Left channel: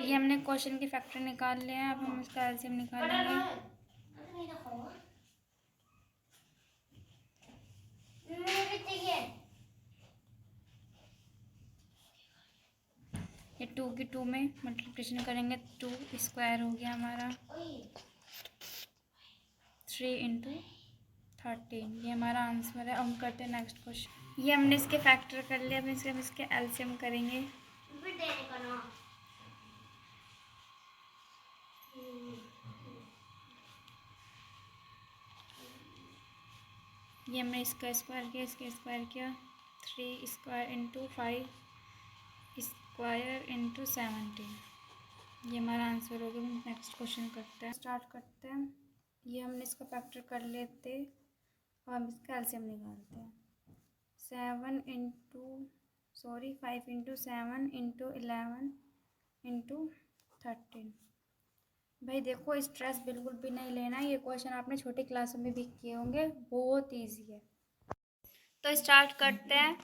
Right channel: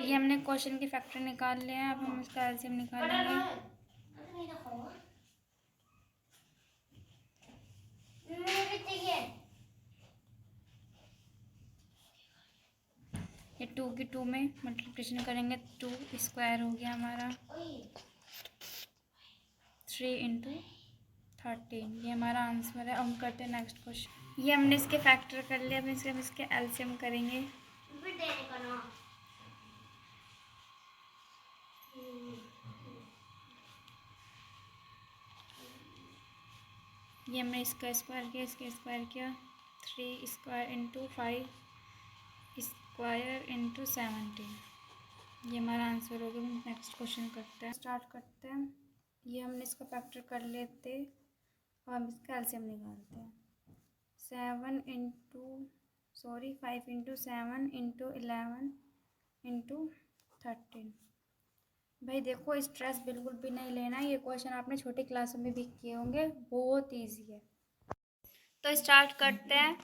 ये हमने क्वेश्चन के फैक्टर निकाल लिए हैं, अब हम इसका एलसीएम निकालेंगे। ये 2 की 2 में मल्टीप्लिकेशन करेंगे, 2 स्क्वायर हो गया हमारा, 3 इंटू 13, ये हमारा आंसर है। अब हम करते हैं नेक्स्ट क्वेश्चन। ये हमने इसके फैक्टर कर लिए, अब इसके एलसीएम करेंगे। ये हमने इसका स्क्वायर किया, इसका स्क्वायर किया, 3 स्क्वायर इंटू 5 स्क्वायर इंटू 17, ये हमारा आंसर हो गया। हम नेक्स्ट क्वेश्चन करते हैं, स्टार्ट करते हैं। ये हमने इसका फैक्टर कर लेते, अब हम इसका एलसीएम निकालते हैं। 5 इंटू 7 इंटू 11 इंटू 13। भाई देखो, स्ट्रेस बिल्कुल भी नहीं लेना, ये क्वेश्चन आपने छोटी क्लासों में भी किए होंगे, बहुत ईजी है। तो स्टार्ट करते हैं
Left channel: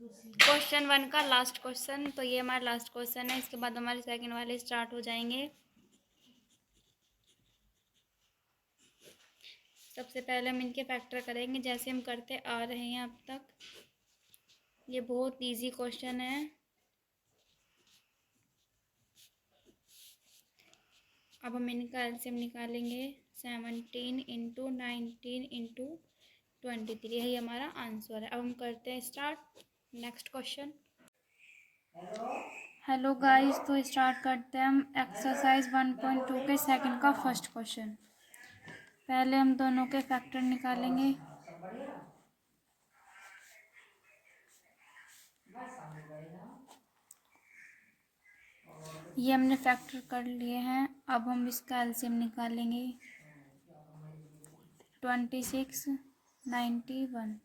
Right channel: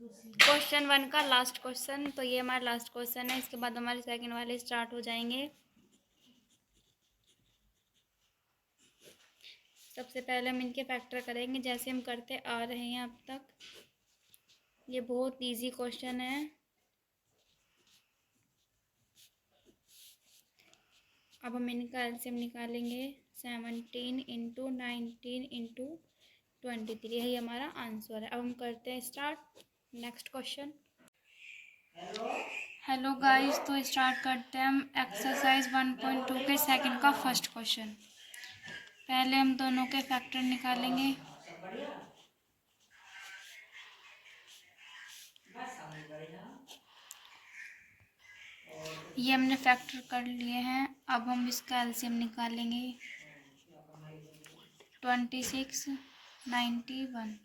क्वेश्चन 1 का लास्ट क्वेश्चन। तो ये हमारा लास्ट क्वेश्चन है, इसके बाद हमारे सेकंड वाले स्टार्ट हो जाएंगे। सबसे पहले हम इनके फैक्टर करेंगे जैसे हम करते आ रहे हैं अब तक। ये बहुत इजी क्वेश्चन है। अब हम इनका एलसीएम निकालेंगे। 17 इंटू 19 इंटू 23, यही हमारा आंसर है। अब हम करते हैं start next question. Hello guys, तो स्टार्ट करते हैं हम एक्सरसाइज 1.2 के सेकंड का फर्स्ट क्वेश्चन। पहले हम दोनों के फैक्टर निकालेंगे। ये हमने फैक्टर कर लिए हैं, अब हम इसका एलसीएम निकालेंगे। 26 91,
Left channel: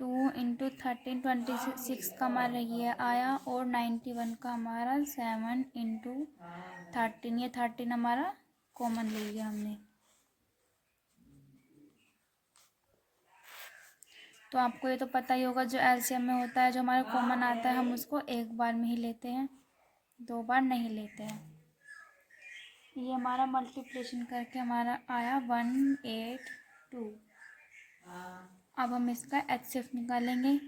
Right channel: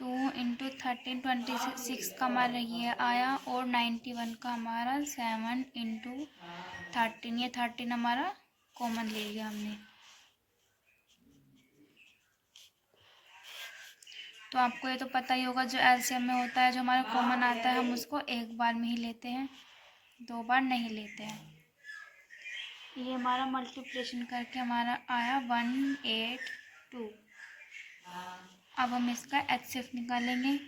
2 इंटू 13, 26 का हमारा ये आया, और 91 का हमारा 7 इंटू 13, ये 13 हमारा कॉमन ले लिया हमने। तो आपको ये तो पता ही होगा, जो एलसीएम में होता है, जो हमारा कॉमन आता है, हम उसको एक बार में ही लेते हैं, 2 बार नहीं लेते हैं। ये हमारा मल्टीप्लिकेशन करके हमारा आया 182। अब हम इसका एचसीएफ निकालेंगे।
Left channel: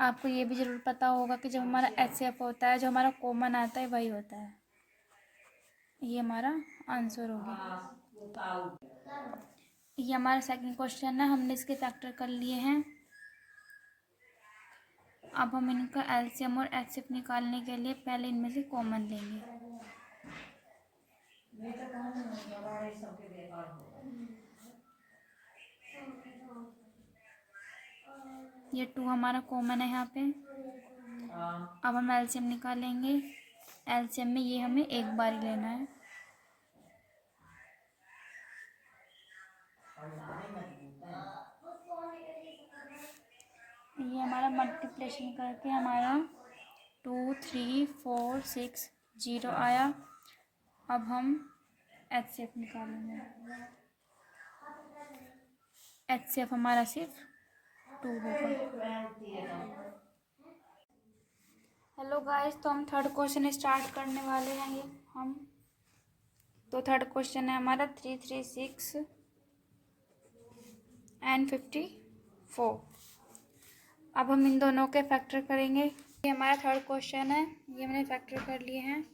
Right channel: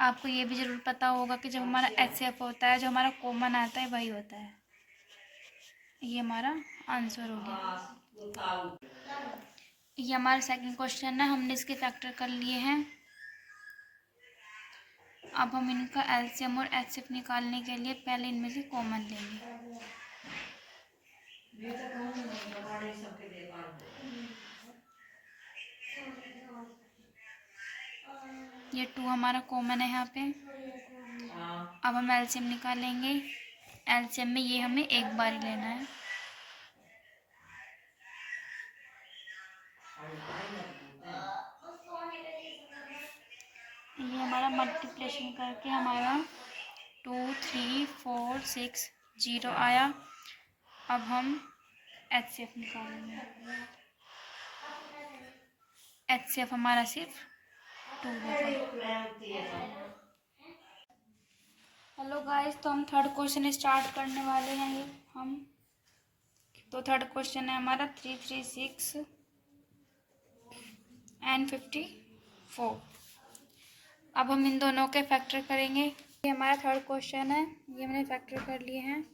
आपको ये भी ज़रूर पता होगा कि जब हमारा एचसीएफ होता है, जो हमारा कॉमन आता है वही होता है। ये हमारा आंसर हो गया। ये हमारा सेकंड क्वेश्चन है, हमने इसके फैक्टर कर लिए हैं। अब हम इनका एलसीएम और एचसीएफ निकालने के लिए पहले इनमें से कॉमन लेंगे। ये 2 हमारा कॉमन है यहाँ पे। अब हम एलसीएम निकालेंगे। एलसीएम में ये हमें एक बार ही लेना है। ये हमारा मल्टीप्लिकेशन करके हमारा 2 3 4 6 0 आया। अब हम एचसीएफ निकालेंगे। एचसीएफ हमारा सिर्फ 2 होगा। हेलो गाइस, तो हम थर्ड क्वेश्चन स्टार्ट करने वाले हैं। हम तो थर्ड क्वेश्चन है हमारा 336 and 54। अब हम इन दोनों के फैक्टर करेंगे। ये हमारा थर्ड क्वेश्चन है, ये हमने फैक्टर कर लिए हैं।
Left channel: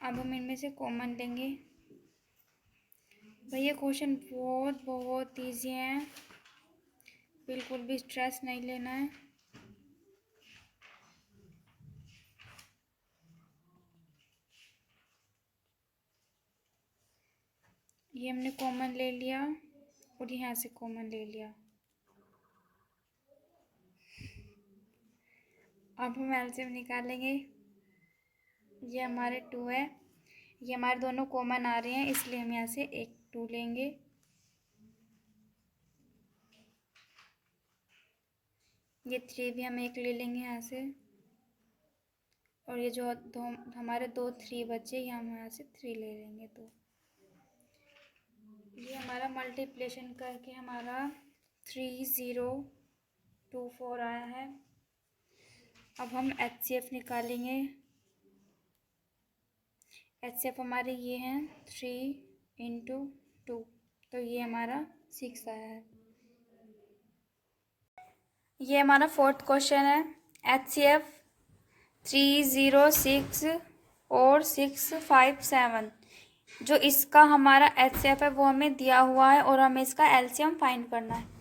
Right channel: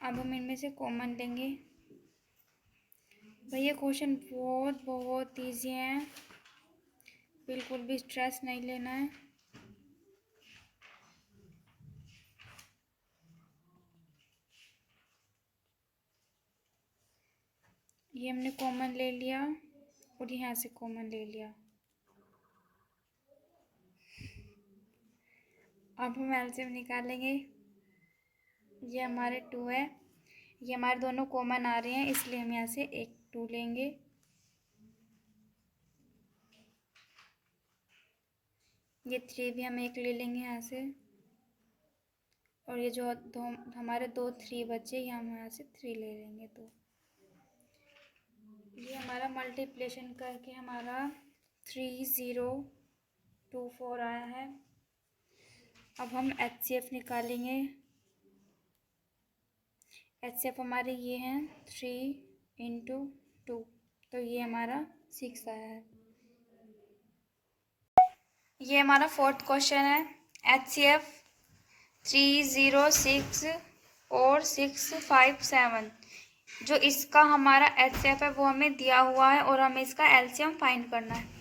अब हम इनमें से कॉमन लेंगे। भाई ये क्वेश्चन बहुत ईजी है, बिल्कुल भी स्ट्रेस नहीं लेना है। ये हमने कॉमन ले लिया और यहाँ से कॉमन ले लिया। अब हम एलसीएम निकालेंगे। ये हमारे 2 है, ये हमारे दोनों कॉमन आ रहे हैं, इसलिए हम यहाँ से एक 2 लेंगे। ये 3 भी हम एक ले लेंगे यहाँ से, और ये जो हमारे 2 3 बचे, ये हम यहाँ से 3 ले लेंगे। तो ये हमारा मल्टीप्लिकेशन करके हमारा 3024 आया है। अब हम HCF निकालेंगे। HCF हमारे ये हैं 3 × 2, तो ये हमारा 6 आया है। ये हमारा 4th क्वेश्चन है। HCF 306 और 657, जो इसका हमारा HCF है वो हमें दिया हुआ है और हमें इसका LCM फाइंड करना है।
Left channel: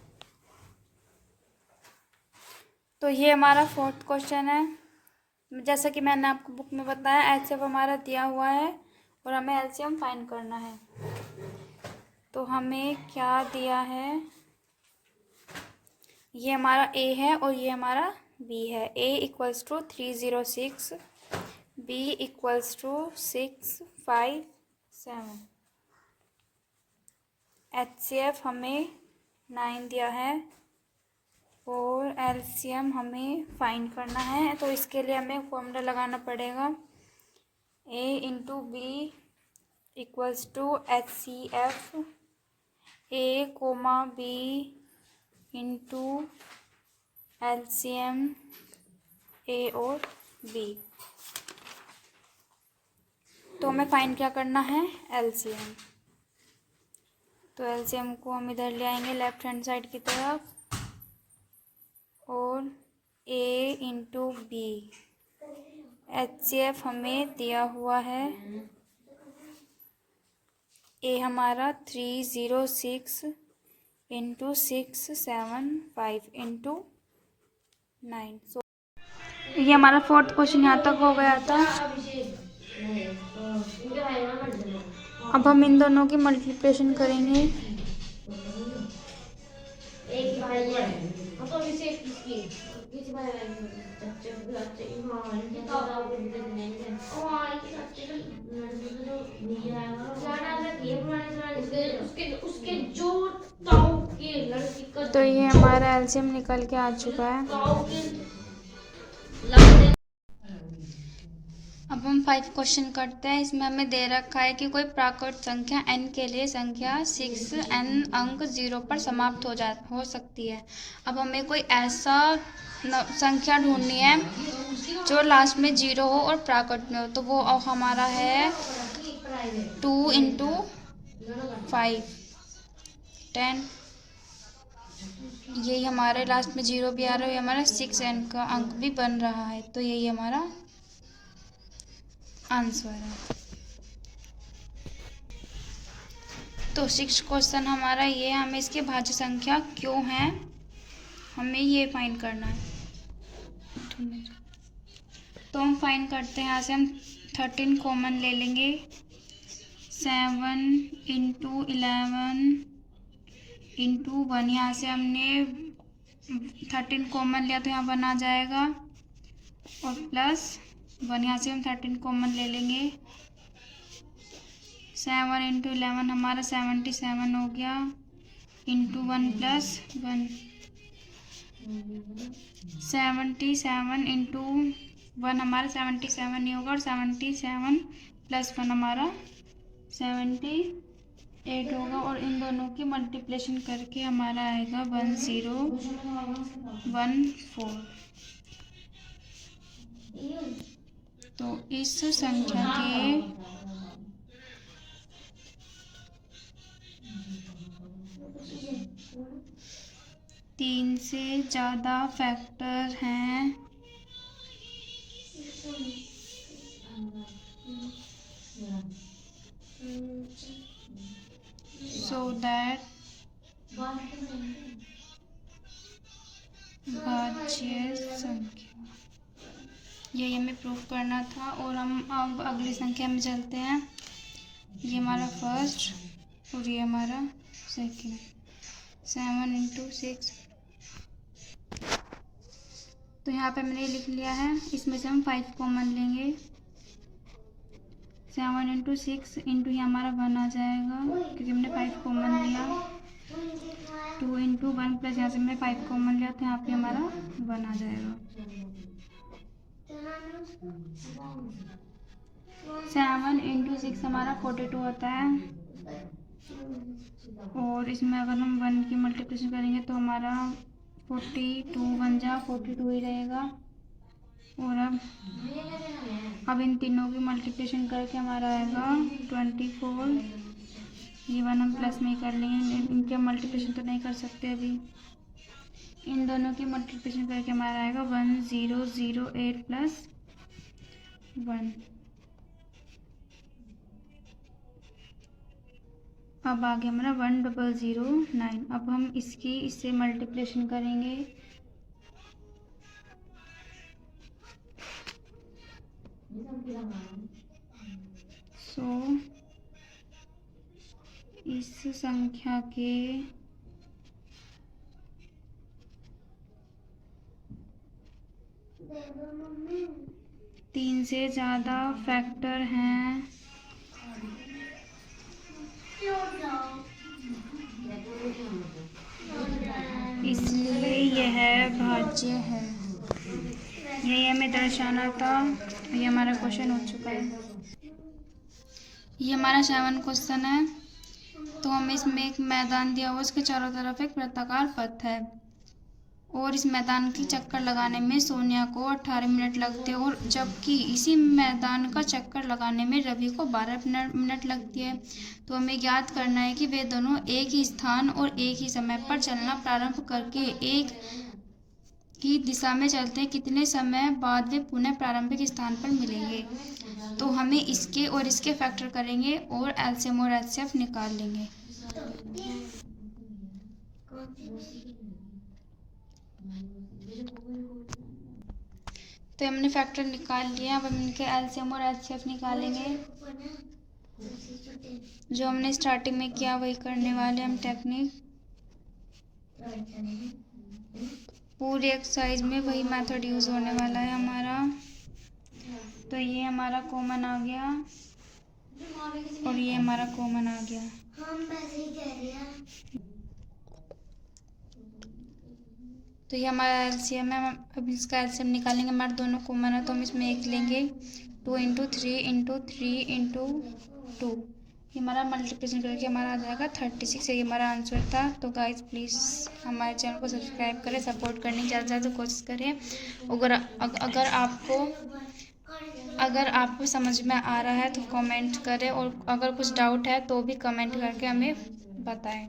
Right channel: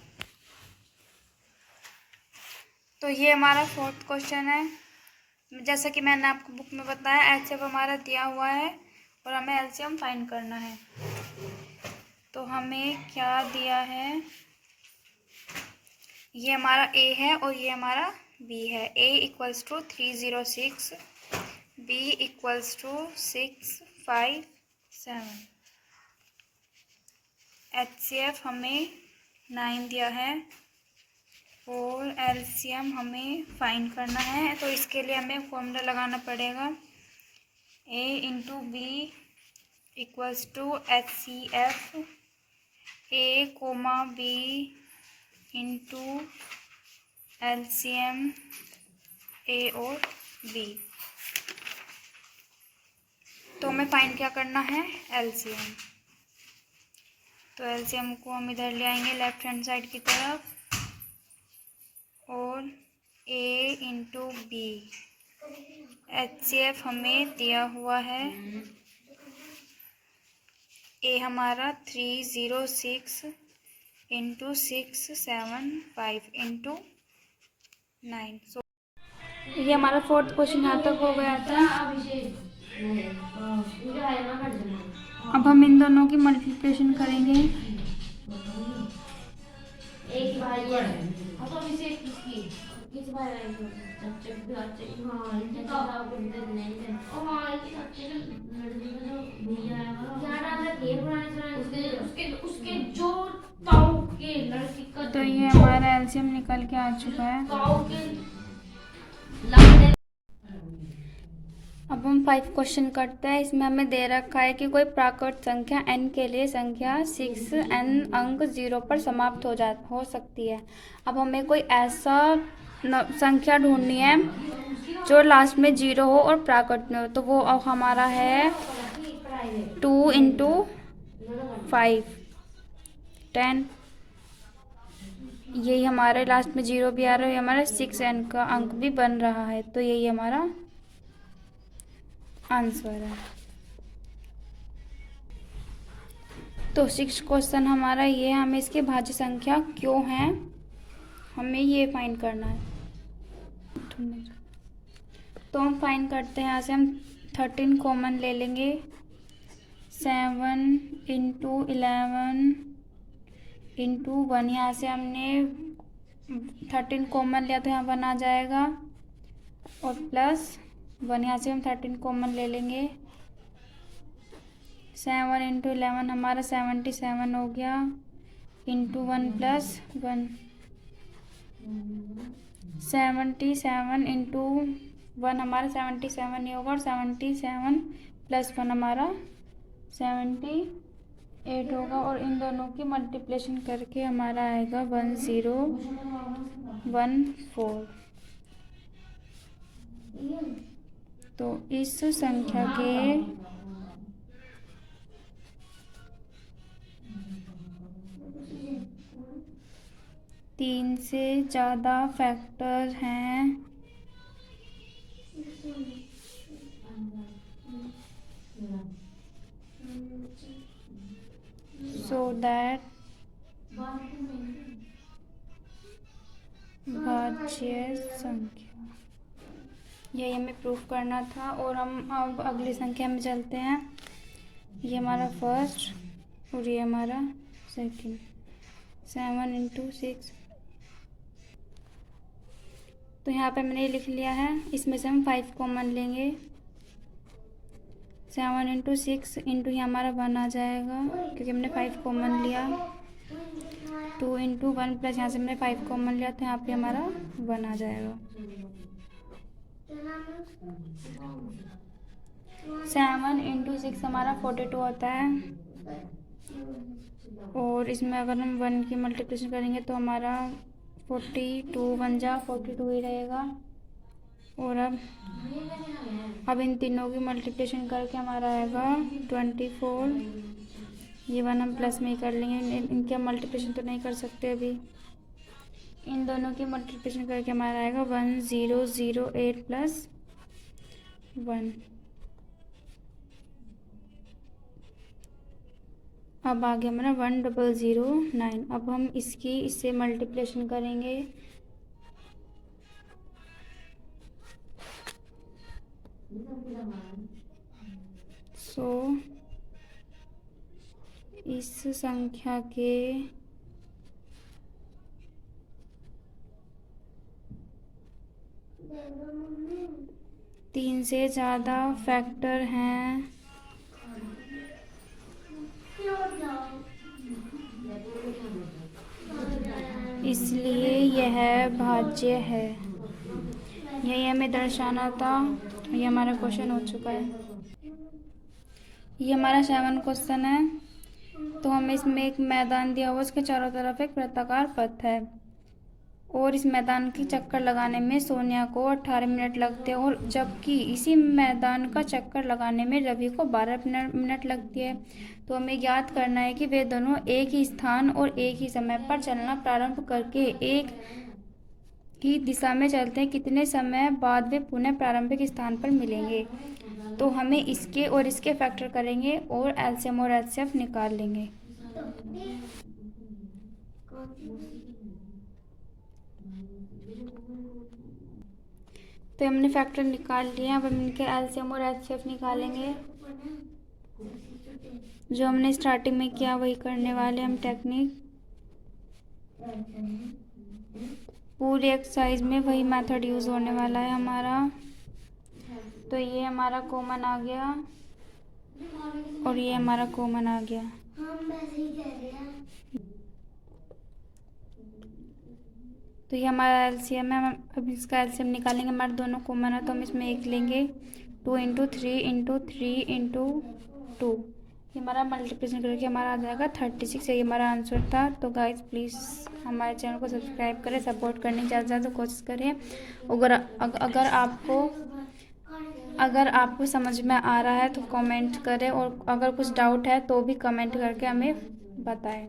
तो ये हमारा 4th क्वेश्चन है। जैसा कि मैंने आपको बुक में बताया, HCF हमारा दिया हुआ है और हमें LCM फाइंड करना है। तो हमें क्या दिया है, ये हमारा A है और ये हमारा B है। A = 306, B = 657। HCF हमें 9 दिया है और LCM हमें फाइंड करना है। तो इसके लिए हमें फॉर्मूला लगाना पड़ेगा। A × B = HCF A, B × LCM A और B। तो हमें फाइंड क्या करना है, LCM। तो LCM को हम इधर ले आएंगे लेफ्ट हैंड साइड की तरफ और A × B। HCF हमें दिया हुआ है, A हमारा 306 × 675 × 9। ये हमारा 4th क्वेश्चन यहाँ तक हो गया था। अब हम इन दोनों की मल्टीप्लिकेशन करेंगे। तो ये हमारा LCM निकल के आ चुका है। अब हम 5 क्वेश्चन करते हैं। इसमें हमें दे रखा है कि कोई प्राकृत संख्या n के लिए संख्या 6n अंक 0 पर समाप्त हो सकती है। अब हमें कोई ऐसा संख्या ढूंढनी है जो लास्ट में 0 हो और प्राकृत में हो। तो वो हमारा है 2 × 5 10। यही हमारे लास्ट में 0 भी आ रहा है, हमारा 6n का अंक भी बन रहा है। तो यही हमारा आंसर है। तो 6 क्वेश्चन हमारा ये, हमें इसके भाज्य संख्या क्यों है, हमें ये फाइंड करना है। तो हम फाइंड करते हैं। यहाँ से हम 13 कॉमन ले लेंगे। 7 × 11 × 1, यहाँ से हमने 13 कॉमन लिया तो यहाँ 1 आ जाएगा और +1, यहाँ से हम 13 कॉमन ले लेंगे। 7 × 11 हमारा 77 हो गया, × 1 + 1 77 × 1 हमारा 77 ही होगा और 77 + 1 हमारा 78 होगा और इन दोनों की मल्टीप्लिकेशन करके हमारा आएगा 1014। तो इस संख्या के 3 से ज़्यादा फैक्टर हैं, so that भाज्य संख्या, यही हमें प्रूफ करना था। और हम अब अगली संख्या में चलते हैं। ये हमारा फर्स्ट और ये हमारा सेकंड। 7 × 6, तो यहाँ पे मैंने लिख लिया है। इसमें से हम 5 कॉमन लेंगे। 7 × 6 × ये हमारा 1 आ जाएगा क्योंकि हमने 5 कॉमन लिया। 2 × 1 + यहाँ से हमने 5 कॉमन लिया तो यहाँ पे हमारा 1 आ जाएगा। 7 × 6 हमारा 42 होता है और इसमें अगर हम 1 की मल्टीप्लिकेशन करेंगे तो हमारा 42 1 जा 42 ही रहेगा। और अब इन तीनों की मल्टीप्लिकेशन करके हमारा आएगा 24। ये वन हम प्लस में ही कर लेंगे, इनके मल्टीप्लिकेशन तो नहीं कर सकते अभी। इन दोनों की मल्टीप्लिकेशन करके हमारा आएगा 1008 प्लस 1। अब आ गया हमारा 1009। अब हम इससे मल्टीप्लिकेशन करेंगे। इस संख्या के 3 से ज़्यादा फैक्टर हैं, इसलिए यह भाज्य है। यही हमें दर्शाना था। ये हमारा क्वेश्चन हो चुका है। ये हमारा 7वां क्वेश्चन है। तो हमें इसमें एक मैदान दिया हुआ, उसके चारों तरफ एक वृत्ताकार पथ है और इस मैदान की चक्कर लगाने में सोनिया को 18 मिनट लगते हैं, और जबकि इसी मैदान का चक्कर लगाने में रवि को 12 मिनट लगती है। तो हमें ज्ञात करना है कि वे दोनों एक ही स्थान और एक ही समय पर चलना प्रारंभ करके एक ही दिशा में चलते हैं, कितने समय बाद वे पुनः प्रारंभिक स्थान पर मिलेंगे। तो हमें इसके और इसके फैक्टर करेंगे और एलसीएम और एचसीएफ निकाल लेंगे। तो हमने फैक्टर निकाल लिया। अब हम इनके एलसीएम और एचसीएफ निकालेंगे। जो हमने स्टार्टिंग में किया वही करने वाले हम टेक्निक। पूरी एक्सरसाइज में वही मेथड यूज़ होने वाला है हमारा। तो ये हमारा कॉमन आ गया और ये हमारा कॉमन आ गया। तो ये हमारा एलसीएम है। हम अब इसका एलसीएम निकालेंगे। हमारे दोनों कॉमन है तो हम इसमें एक लेंगे। 2 × 3 × 3 × 2। ये हमारा मल्टीप्लिकेशन करके हमारा आ जाएगा 36। ये हमारा आंसर था। तो गाइस प्लीज़ हमारे चैनल को सब्सक्राइब करें, सपोर्ट करने की ज़्यादा से ज़्यादा कोशिश करें। अगर आपको समझ में आ रहा है तो कमेंट करें, और अगर कुछ डाउट है तो भी कमेंट करके हमें बताएं।